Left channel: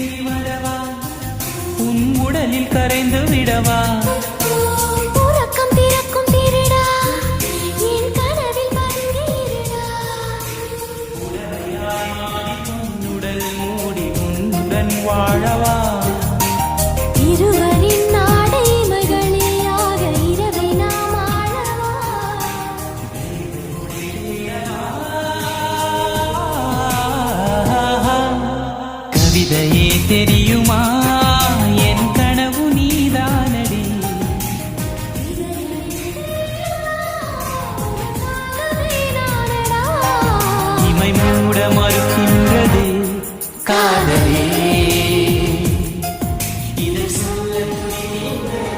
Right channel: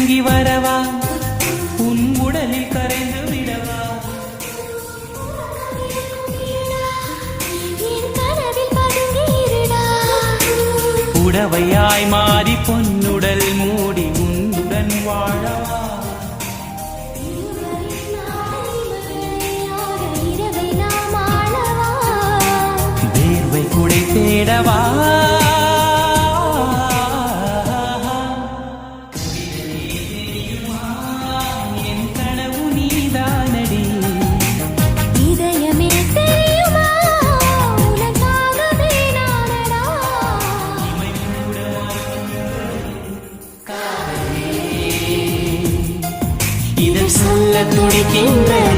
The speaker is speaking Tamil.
இறங்கி வரவா உன் உடலில் கரைந்து விடவா உறக்கம் திறக்கும் திருடா என் கனவில் பதுங்கியிருடா உடவையாய் மாறி பொன்னுடல் மூடி உன்னுடன் வாழவா இருவரின் நாடைமைகளேயாக இரவை நாம் ஆளவா வேர்வை குடை தேடவா கவிதையே தெரியுமா என் கனவு நீதானடி இதயமே தெரியுமா உனக்காகவே நானடா இமை மூட மறுக்கின்றது காதலே இதை சொல்ல துடிக்கின்றது